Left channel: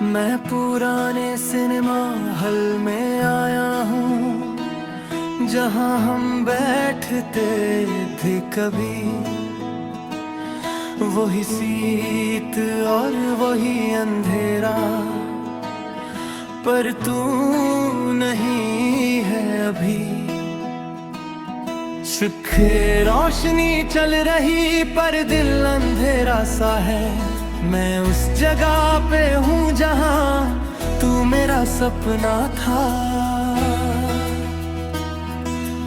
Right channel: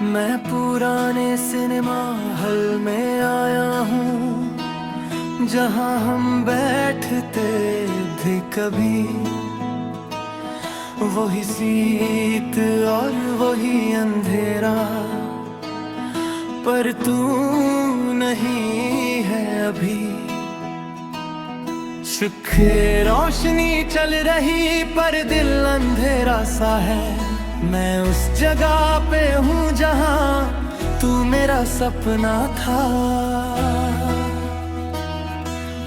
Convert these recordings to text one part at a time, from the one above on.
मैं पुराने cinema hall में आया हूँ, जहाँ हम बैठते थे कभी। वही सीट और वही अंधेरा, पर तू नहीं है अभी। शुक्र रोशनी चल रही पर दिल अंधेरा सा है। मैं उस जगह पे हूँ जहाँ तू मेरा सपना था।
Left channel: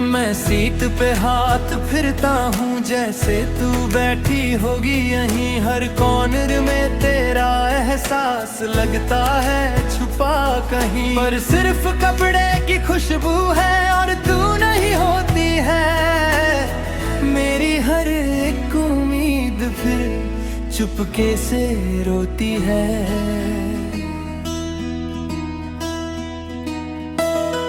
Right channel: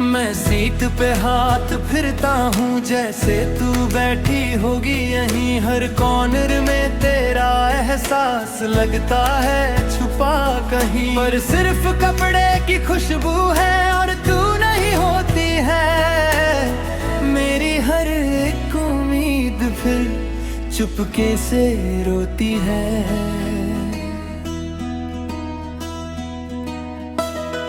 मैं सीट पे हाथ फिरता हूँ जैसे तू बैठी होगी यहीं। हर कॉर्नर में तेरा एहसास लगता है छुपा कहीं, पर सिर्फ कपड़े की खुशबू है और तू नहीं होती है। मेरी हर एक उम्मीद फिर चुपके से रोती है।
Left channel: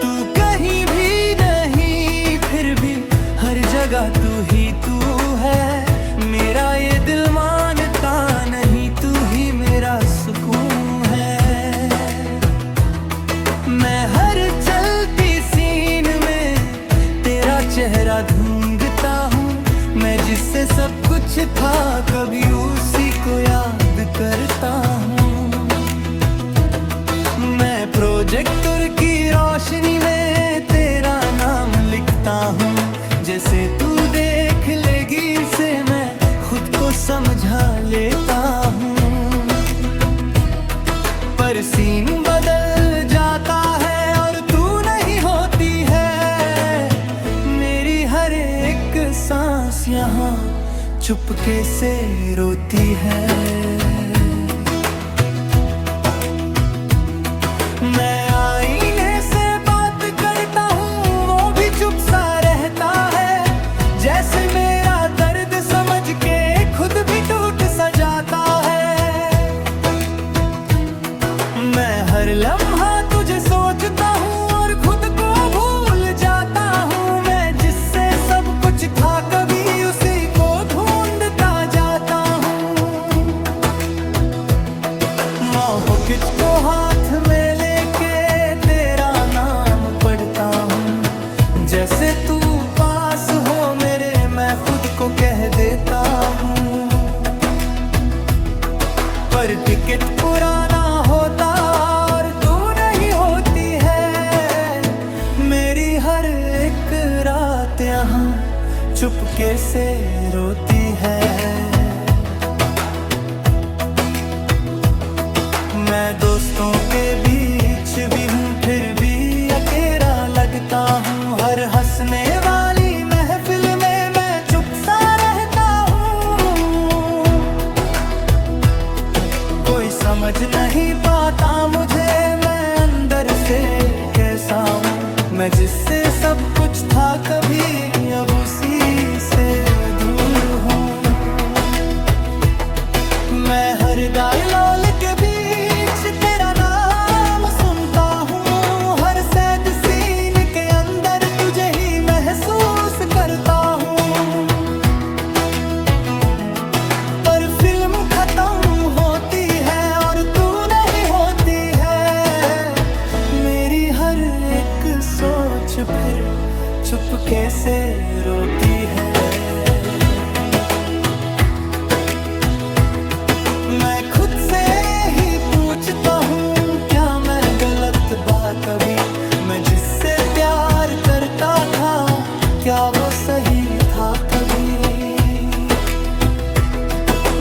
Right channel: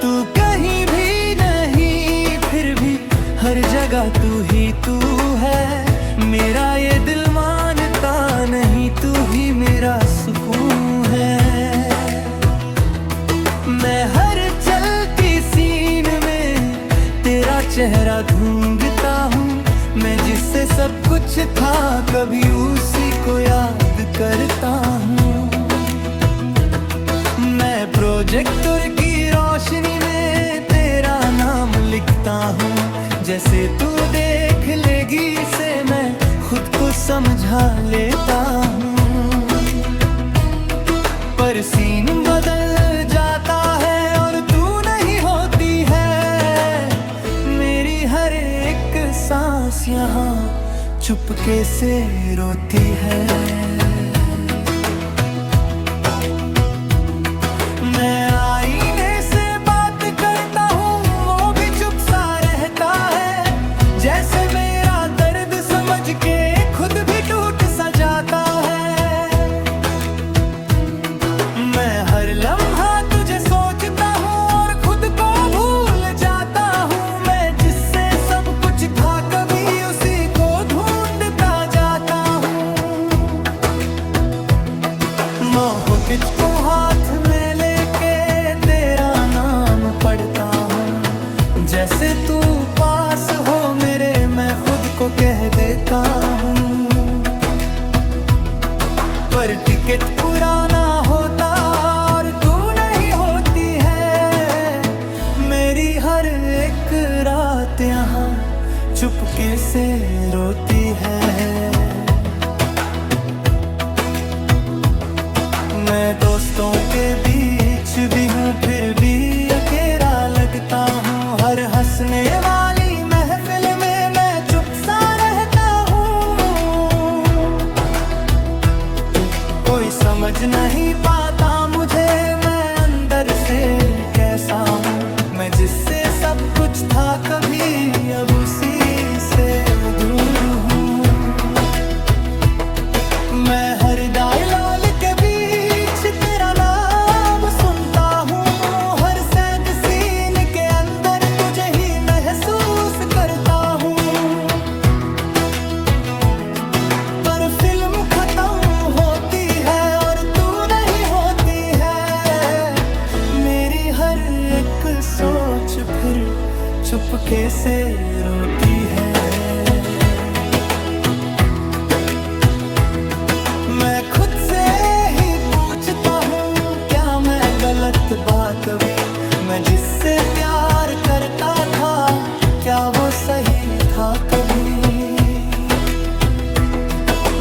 तू कहीं भी नहीं, फिर भी हर जगह तू ही तू है। मेरा ये दिल मानता नहीं, तू ही मेरा सुकून है। मैं हर चलती सीन में तेरा चेहरा ढूंढता हूँ। मैं जिससे सब कुछ था कभी उसी को याद करता हूँ। मैं प्रोजेक्टर की रोशनी में तेरा नाम लिखता हूँ। जैसे तू देख लेगी इसे मैं खुद को समझा लेता हूँ। पर सीन बदल जाता है और तू नहीं होती है। मेरी हर एक सांस यहाँ चुपके से रोती है। मैं आईने से बात करता हूँ, वो भी चुप सा रहता है। जैसे मेरा दर्द समझ के खुद भी टूट सा जाता है। मैं हर लम्हा तुझे सोचता हूँ और खुद को भूल जाता हूँ। मैं जिससे सब कुछ था कभी उसी को ढूंढता जाता हूँ। मोहकिच को हाथ में लेके तेरा नाम पढ़ता हूँ। जैसे तू पास हो मेरे मैं खुद को कह देता हूँ। पर टिकट पुराना होता और तू नहीं होती है। मेरी हर एक रात यहाँ चुपके से रोती है। मैं दोस्तों के बीच भी हूँ फिर भी अकेला लगता हूँ। हर हंसने वाली महफिल में मैं चुप सा रहता हूँ। कोई समझ नहीं पाता मुझे मैं अंदर से कैसा हूँ। मैं जिससे सब कुछ था कभी अब उसी से दूर हूँ। मैं हर डायलॉग के बीच तेरा नाम सुनता हूँ। हर सैड सीन के अंदर तुझे ही महसूस करता हूँ। पर फिल्म खत्म होती है और तू नहीं होती है। मेरी हर एक सोच फिर चुपके से रोती है। मैं खुद से ही पूछता हूँ क्या मैं गलत बात कभी। मैं जिससे प्यार करता था क्या वो सही था कभी।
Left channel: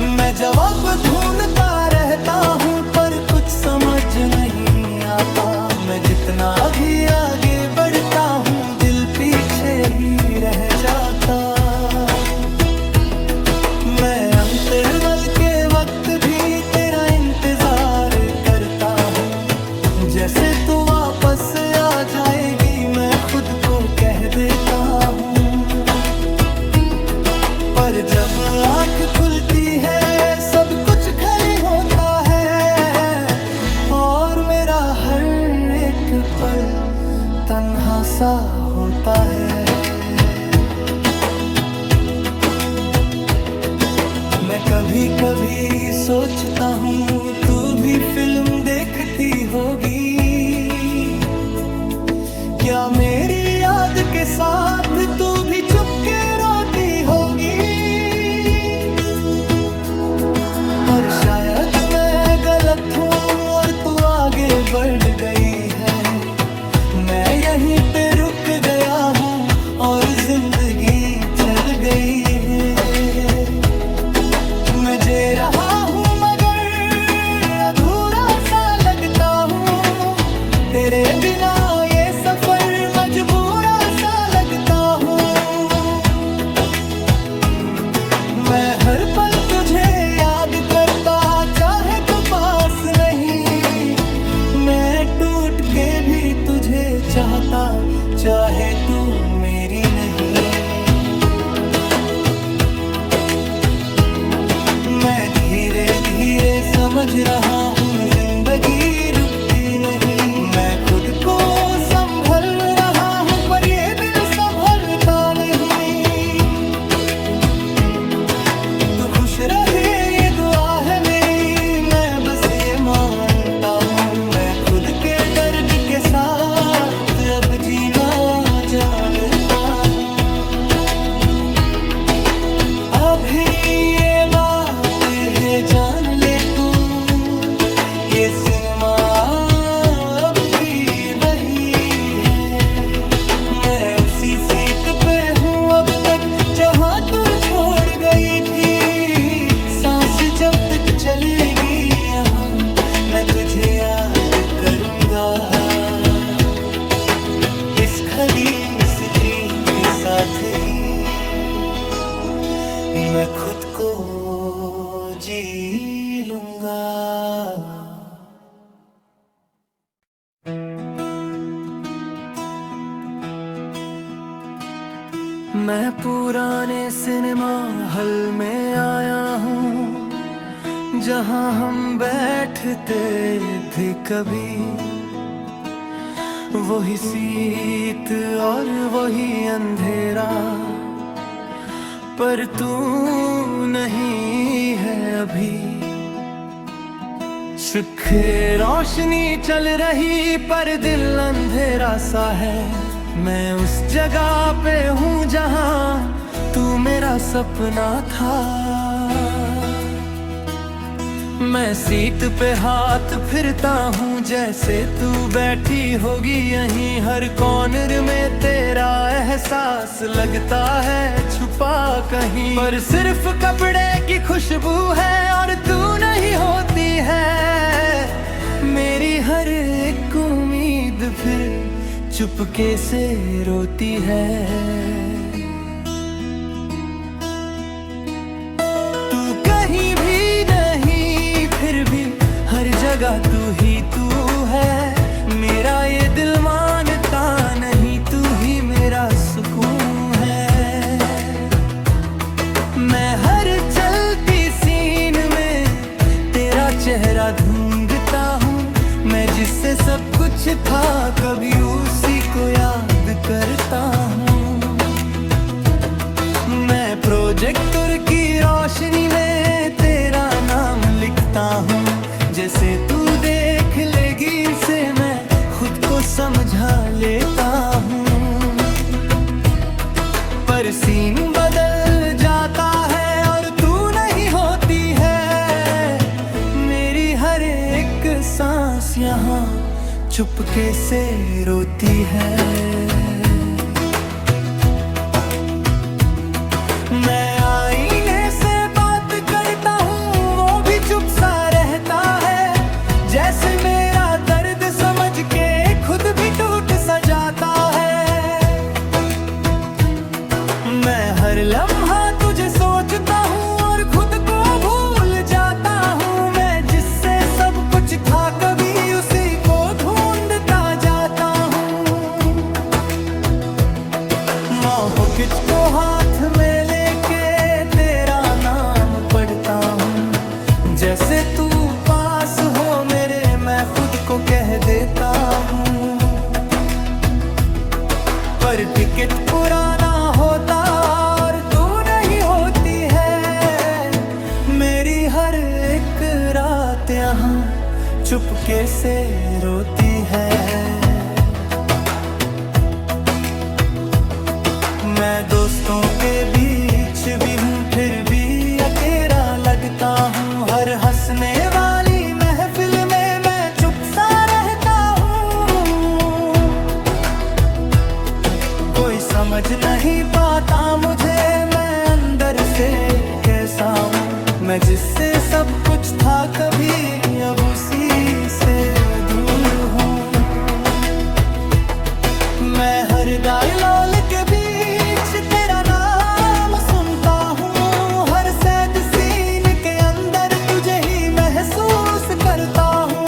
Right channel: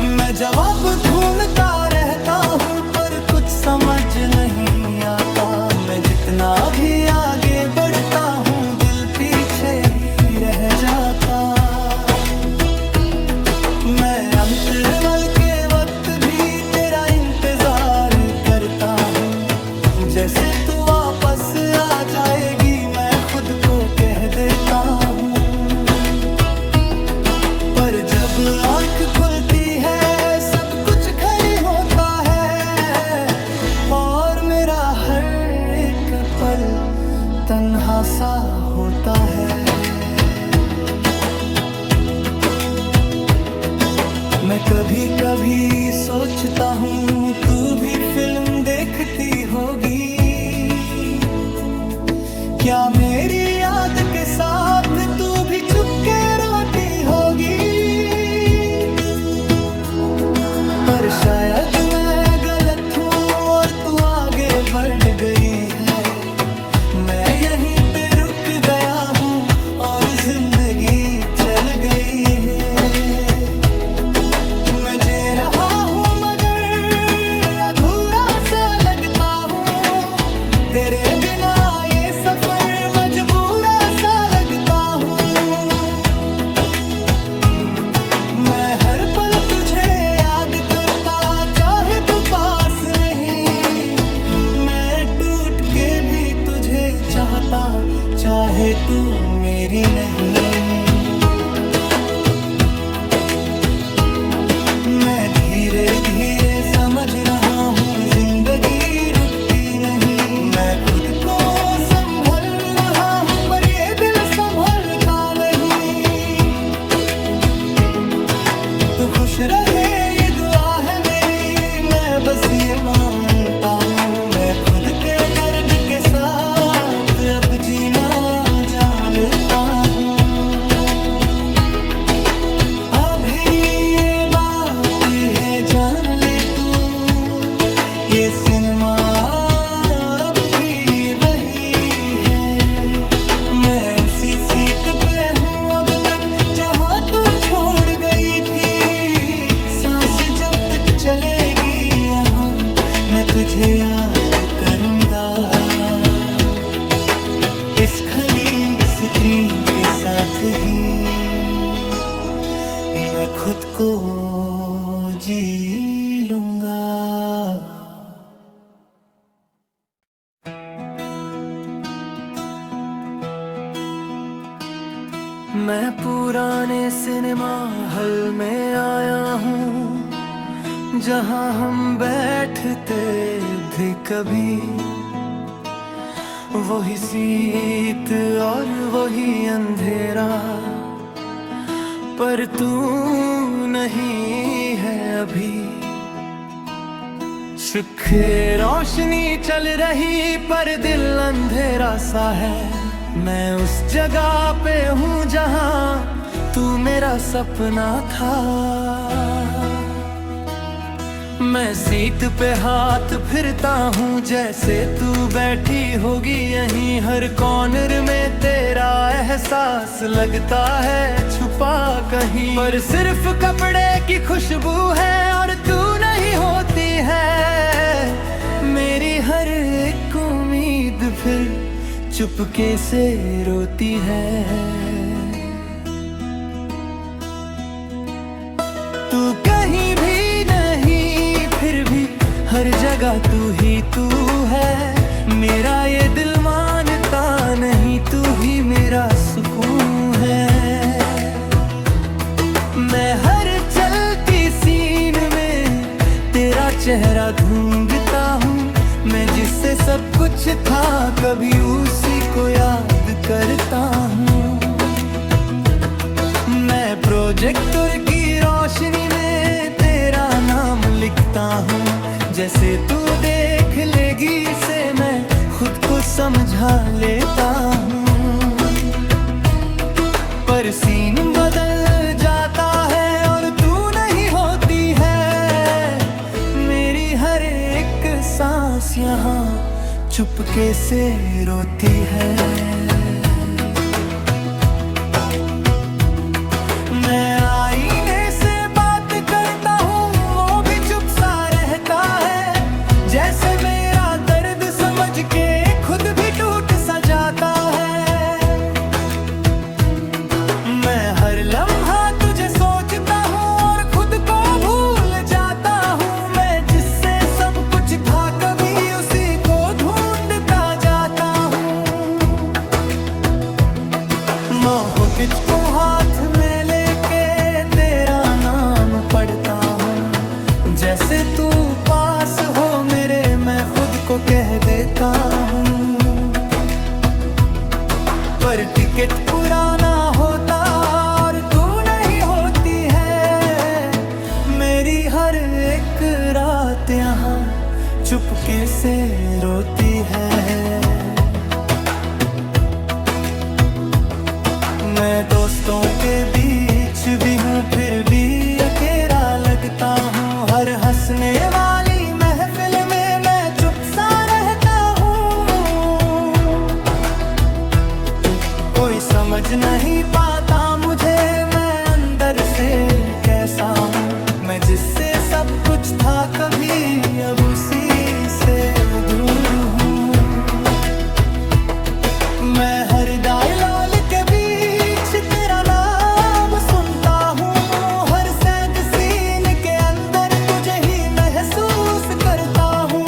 मैं जवाब ढूंढता रहता हूँ पर कुछ समझ नहीं आता। मैं जितना भी आगे बढ़ता हूँ दिल पीछे ही रह जाता। मैं अंतरवल के वक्त भी तेरा इंतजार करता हूँ। जैसे तू वापस आ जाएगी मैं खुद को कह देता हूँ। पर जब आँख खुलती है सब कुछ खाली होता है। और मेरा हर एक पल तन्हा सा होता है। मैं कभी कभी सोचता हूँ तू भी फिल्म देखती होगी, क्या मेरी याद के साथ तू भी चुपके रोती होगी। पर शायद मैं गलत हूँ और तू आगे बढ़ गई है, मैं यहीं पे रुक गया हूँ और जिंदगी चल गई है। मैं जी रहा हूँ मगर अधूरा सा लगता हूँ, तेरे बिना ये सफर मजबूरा सा लगता हूँ। मैं हर पल तुझे याद करता, चाहे तू पास नहीं, मैं टूट के भी तुझे चाहता, चाहे तू मेरी नहीं। मैं धीरे धीरे समझ रहा हूँ जिंदगी रुकती नहीं, मैं खुद को संभल रहा हूँ पर ये दिल संभलता नहीं। तू खुश रहे ये दुआ है मेरी, मैं बस ये मानता हूँ, मैं खुद के दर्द के साथ अब जीना जानता हूँ। अभी ये बात है जान ले तू, ये सिनेमा अब भी वही है, मैं उसी सीट पे हूँ अब तक जहाँ तू छोड़ गई थी। सांस जब तक चलेगी यहाँ मैं तुझे याद करूँगा, इस खली स्क्रीन के साथ ही मैं खुद को जी लूँगा। मैं पुराने सिनेमा हॉल में आया हूँ, जहाँ हम बैठते थे कभी, वही सीट और वही अंधेरा, पर तू नहीं है अभी। शुक्र रोशनी चल रही पर दिल अंधेरा सा है, मैं उस जगह पे हूँ जहाँ तू मेरा सपना था। मैं सीट पे हाथ फिरता हूँ जैसे तू बैठी होगी यहीं, हर कॉर्नर में तेरा एहसास लगता है छुपा कहीं, पर सिर्फ कपड़े की खुशबू है और तू नहीं होती है। मेरी हर एक उम्मीद फिर चुपके से रोती है। तू कहीं भी नहीं फिर भी हर जगह तू ही तू है, मेरा ये दिल मानता नहीं तू ही मेरा सुकून है। मैं हर चलती सीन में तेरा चेहरा ढूंढता हूँ, मैं जिससे सब कुछ था कभी उसी को याद करता हूँ। मैं प्रोजेक्टर की रोशनी में तेरा नाम लिखता हूँ, जैसे तू देख लेगी इसे मैं खुद को समझा लेता हूँ। पर सीन बदल जाता है और तू नहीं होती है, मेरी हर एक सांस यहाँ चुपके से रोती है। मैं आईने से बात करता हूँ वो भी चुप सा रहता है, जैसे मेरा दर्द समझ के खुद भी टूट सा जाता है। मैं हर लम्हा तुझे सोचता हूँ और खुद को भूल जाता हूँ, मैं जिससे सब कुछ था कभी उसी को ढूंढता जाता हूँ। मोहकिच को हाथ में लेके तेरा नाम पढ़ता हूँ, जैसे तू पास हो मेरे मैं खुद को कह देता हूँ। पर टिकट पुराना होता और तू नहीं होती है, हर एक रात यहाँ चुपके से रोती है। मैं दोस्तों के बीच भी हूँ फिर भी अकेला लगता हूँ। हर हंसने वाली महफिल में मैं चुप सा रहता हूँ। कोई समझ नहीं पाता मुझे मैं अंदर से कैसा हूँ। मैं जिससे सब कुछ था कभी अब उसी से दूर हूँ। मैं हर डायलॉग के बीच तेरा नाम सुनता हूँ। हर सैड सीन के अंदर तुझे ही महसूस करता हूँ।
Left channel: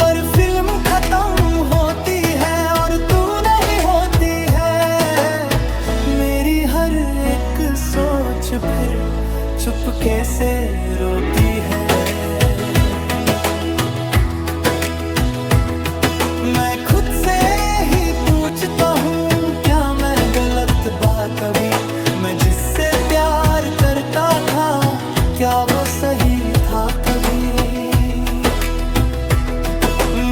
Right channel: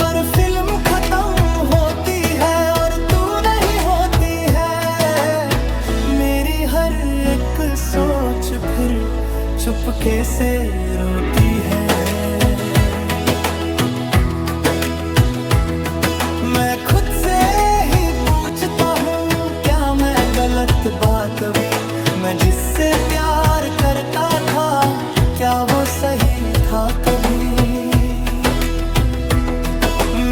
पर फिल्म खत्म होती है और तू नहीं होती है। मेरी हर एक सोच फिर चुपके से रोती है। मैं खुद से ही पूछता हूँ क्या मैं गलत बा कभी। मैं जिससे प्यार करता था क्या वो सही था कभी।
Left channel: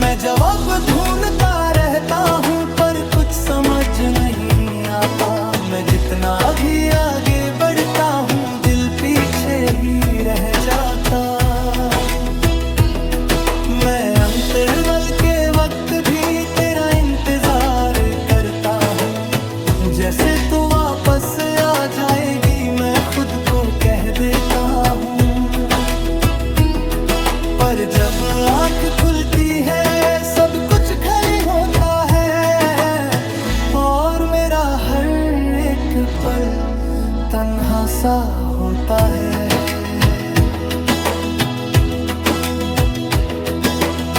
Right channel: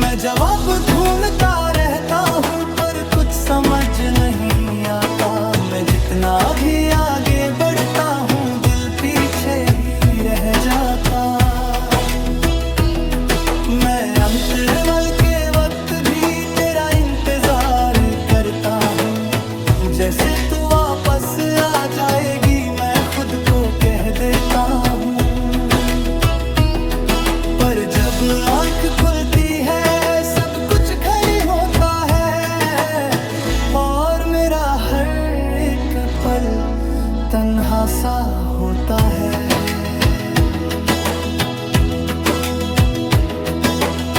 मैं जवाब ढूंढता रहता हूँ पर कुछ समझ नहीं आता। मैं जितना भी आगे बढ़ता हूँ दिल पीछे ही रह जाता। मैं अंतरवल के वक्त भी तेरा इंतजार करता हूँ। जैसे तू वापस आ जाएगी मैं खुद को कह देता हूँ। पर जब आँख खुलती है सब कुछ खाली होता है और मेरा हर एक पल तन्हा सा होता है।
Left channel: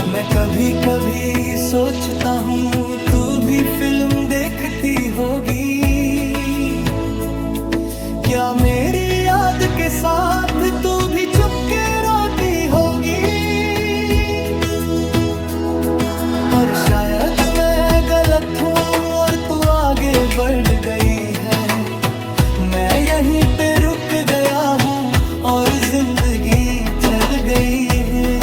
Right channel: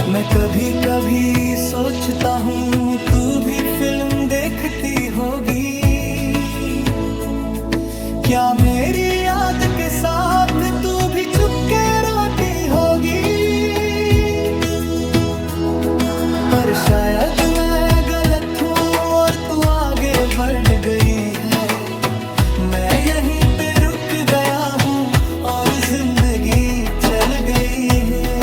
मैं कभी कभी सोचता हूँ तू भी फिल्म देखती होगी। क्या मेरी याद के साथ तू भी चुपके रोती होगी। पर शायद मैं गलत हूँ और तू आगे बढ़ गई है। मैं यहीं पे रुक गया हूँ और जिंदगी चल गई है।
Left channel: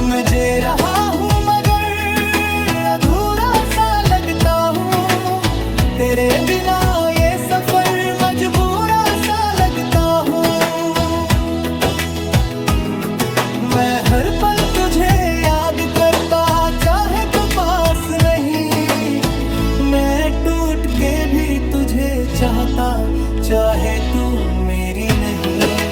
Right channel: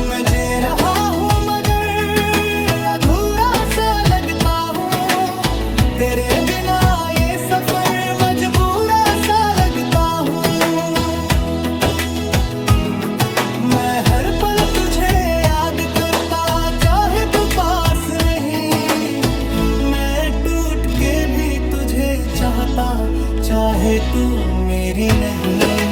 मैं जी रहा हूँ मगर अधूरा सा लगता हूँ। तेरे बिना ये सफर मजबूरा सा लगता हूँ। मैं हर पल तुझे याद करता चाहे तू पास नहीं। मैं टूट के भी तुझे चाहता चाहे तू मेरी नहीं।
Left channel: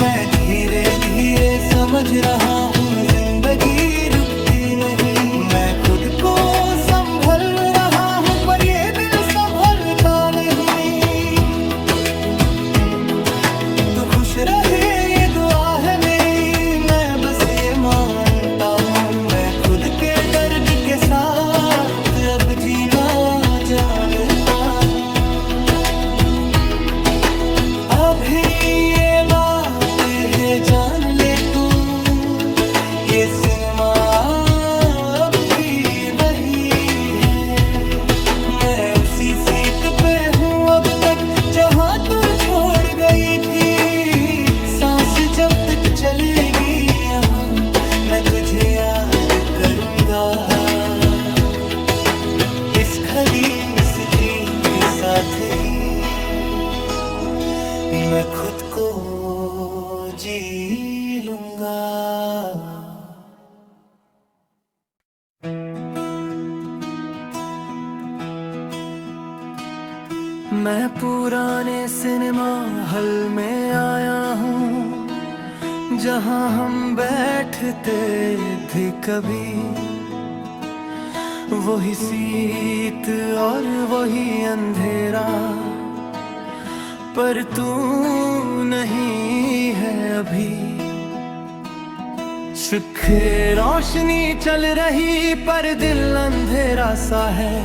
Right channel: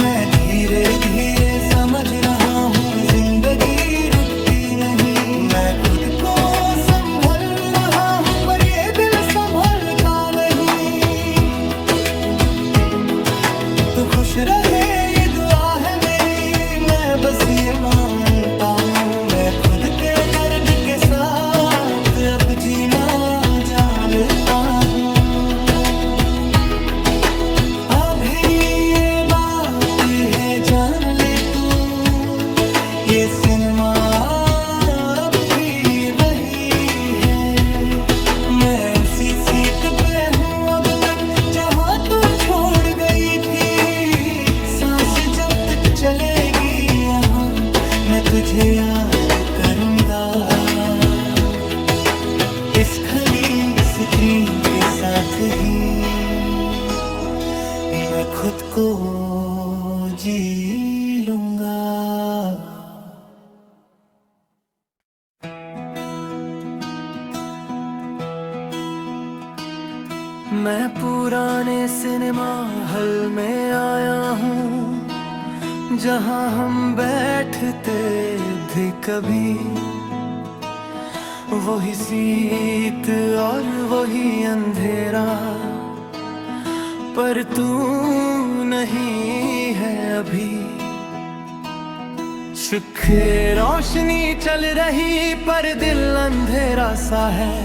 मैं धीरे धीरे समझ रहा हूँ जिंदगी रुकती नहीं। मैं खुद को संभल रहा हूँ पर ये दिल संभलता नहीं। तू खुश रहे ये दुआ है मेरी मैं बस ये मानता हूँ। मैं खुद के दर्द के साथ अब जीना जानता हूँ। अभी ये बात है जान ले तू ये सिनेमा अब भी वही है। मैं उसी सीट पे हूँ अब तक जहाँ तू छोड़ गई थी। सांस जब तक चलेगी यहाँ मैं तुझे याद करूँगा। इस खाली स्क्रीन के साथ ही मैं खुद को जी लूँगा। मैं पुराने सिनेमा हॉल में आया हूँ जहाँ हम बैठते थे कभी। वही सीट और वही अंधेरा पर तू नहीं है अभी। शुक्र रोशनी चल रही पर दिल अंधेरा सा है।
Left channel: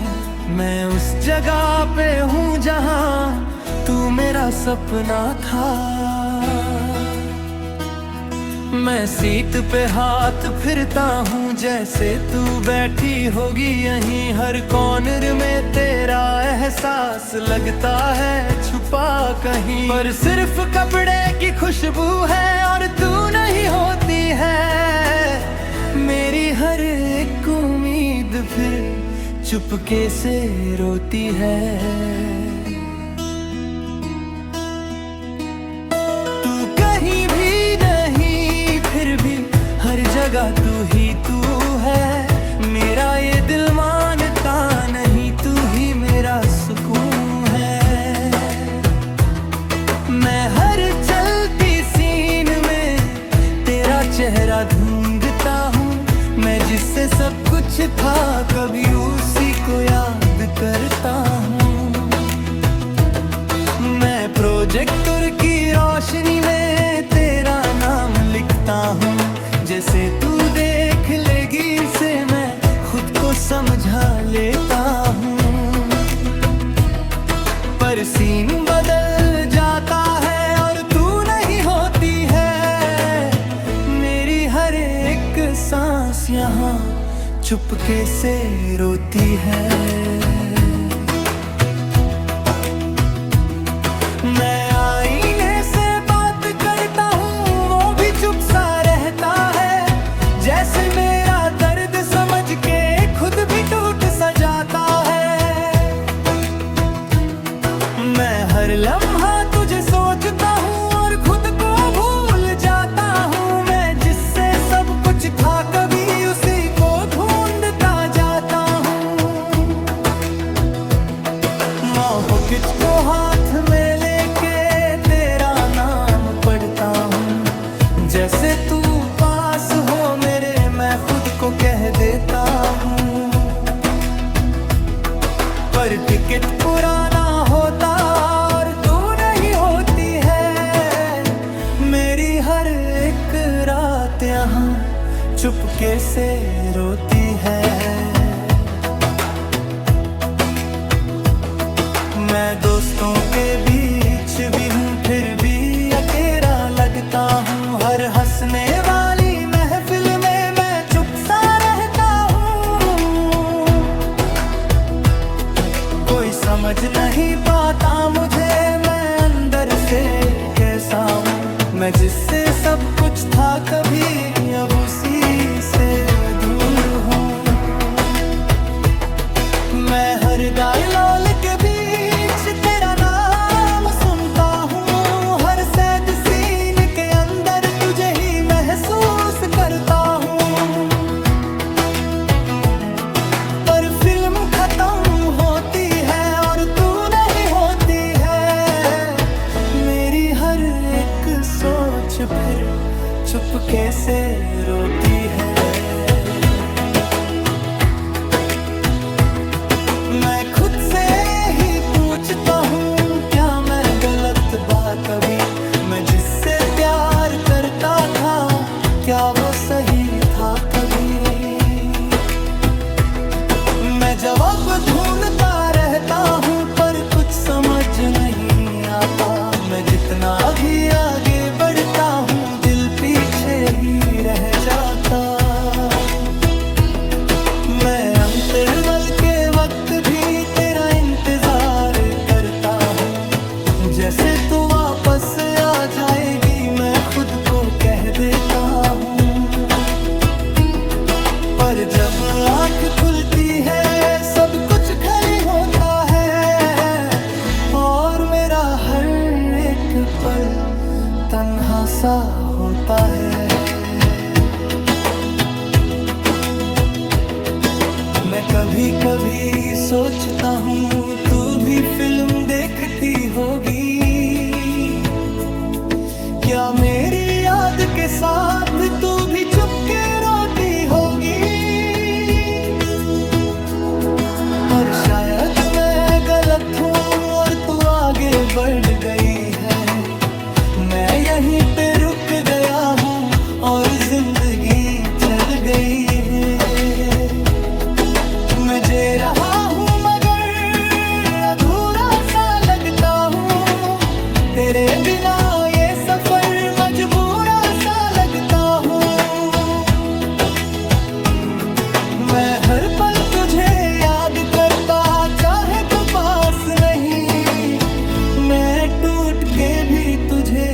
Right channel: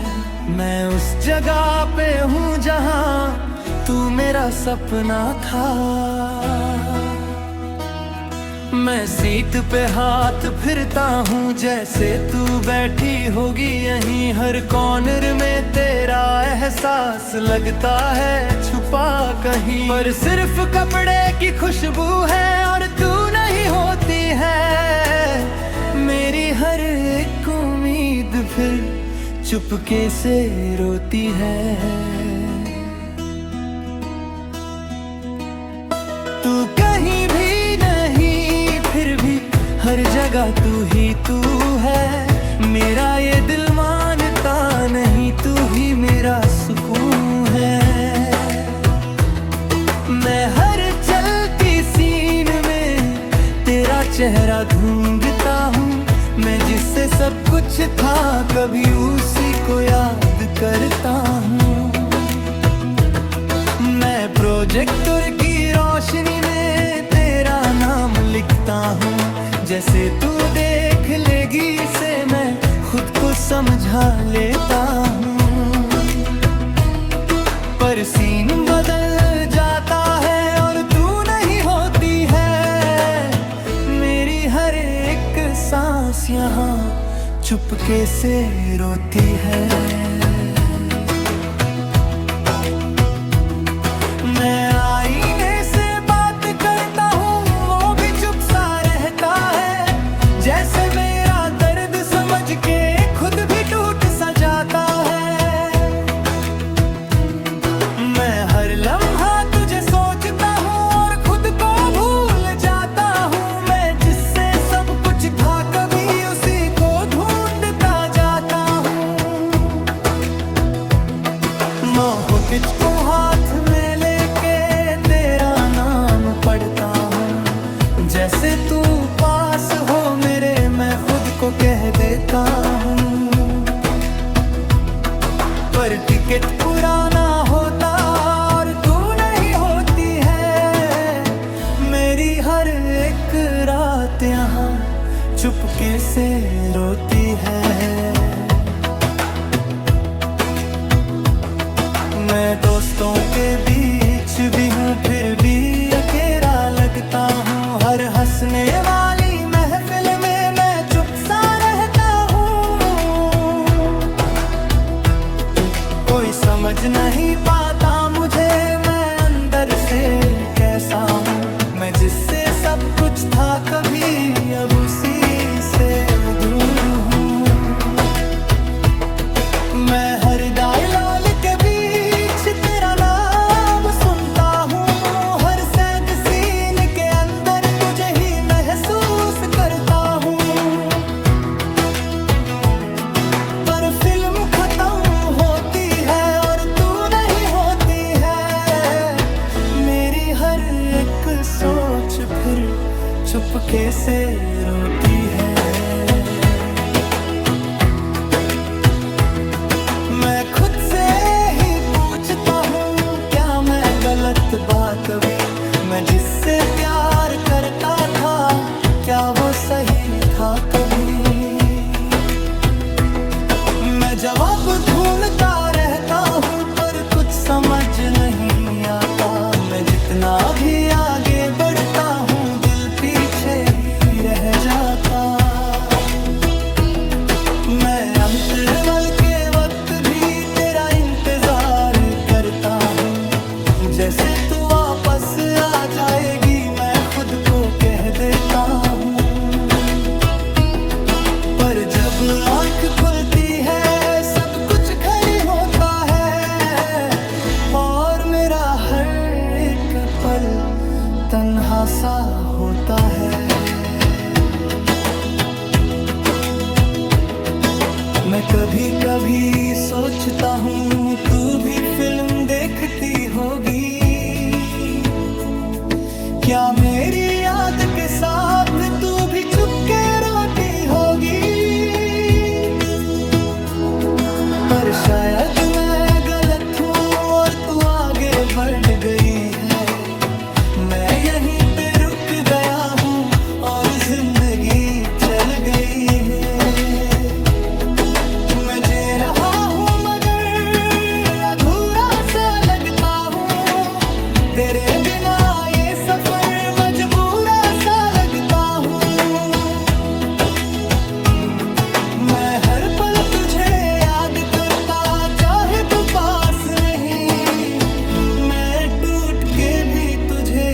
मैं उस जगह पे हूँ जहाँ तू मेरा सपना था। मैं सीट पे हाथ फिरता हूँ जैसे तू बैठी होगी यहीं, हर कॉर्नर में तेरा एहसास लगता है छुपा कहीं। पर सिर्फ कपड़े की खुशबू है और तू नहीं होती है, मेरी हर एक उम्मीद फिर चुपके से रोती है। तू कहीं भी नहीं फिर भी हर जगह तू ही तू है, मेरा ये दिल मानता नहीं तू ही मेरा सुकून है। मैं हर चलती सीन में तेरा चेहरा ढूंढता हूँ, मैं जिससे सब कुछ था कभी उसी को याद करता हूँ। मैं प्रोजेक्टर की रोशनी में तेरा नाम लिखता हूँ, जैसे तू देख लेगी इसे मैं खुद को समझा लेता हूँ। पर सीन बदल जाता है और तू नहीं होती है, मेरी हर एक सांस यहाँ चुपके से रोती है। मैं आईने से बात करता हूँ वो भी चुप सा रहता है, जैसे मेरा दर्द समझ के खुद भी टूट सा जाता है। मैं हर लम्हा तुझे सोचता हूँ और खुद को भूल जाता हूँ, मैं जिससे सब कुछ था कभी उसी को ढूंढता जाता हूँ। मोहकिच को हाथ में लेके तेरा नाम पढ़ता हूँ, जैसे तू पास हो मेरे मैं खुद को कह देता हूँ। पर टिकट पुराना होता और तू नहीं होती है, मेरी हर एक रात यहाँ चुपके से रोती है। मैं दोस्तों के बीच भी हूँ फिर भी अकेला लगता हूँ, हर हंसने वाली महफिल में मैं चुप सा रहता हूँ। कोई समझ नहीं पाता मुझे मैं अंदर से कैसा हूँ, मैं जिससे सब कुछ था कभी अब उसी से दूर हूँ। मैं हर डायलॉग के बीच तेरा नाम सुनता हूँ, हर सैड सीन के अंदर तुझे ही महसूस करता हूँ। पर फिल्म खत्म होती है और तू नहीं होती है, मेरी हर एक सोच फिर चुपके से रोती है। मैं खुद से ही पूछता हूँ क्या मैं गलत बा कभी, मैं जिससे प्यार करता था क्या वो सही था कभी। मैं जवाब ढूंढता रहता हूँ पर कुछ समझ नहीं आता, मैं जितना भी आगे बढ़ता हूँ दिल पीछे ही रह जाता। मैं अंतरवल के वक्त भी तेरा इंतजार करता हूँ, जैसे तू वापस आ जाएगी मैं खुद को कह देता हूँ। पर जब आँख खुलती है सब कुछ खाली होता है और मेरा हर एक पल तन्हा सा होता है। मैं कभी कभी सोचता हूँ तू भी फिल्म देखती होगी, क्या मेरी याद के साथ तू भी चुपके रोती होगी। पर शायद मैं गलत हूँ और तू आगे बढ़ गई है, मैं यहीं पे रुक गया हूँ और जिंदगी चल गई है। मैं जी रहा हूँ मगर अधूरा सा लगता हूँ, तेरे बिना ये सफर मजबूरा सा लगता तुझे याद करता, चाहे तू पास नहीं, मैं टूट के भी तुझे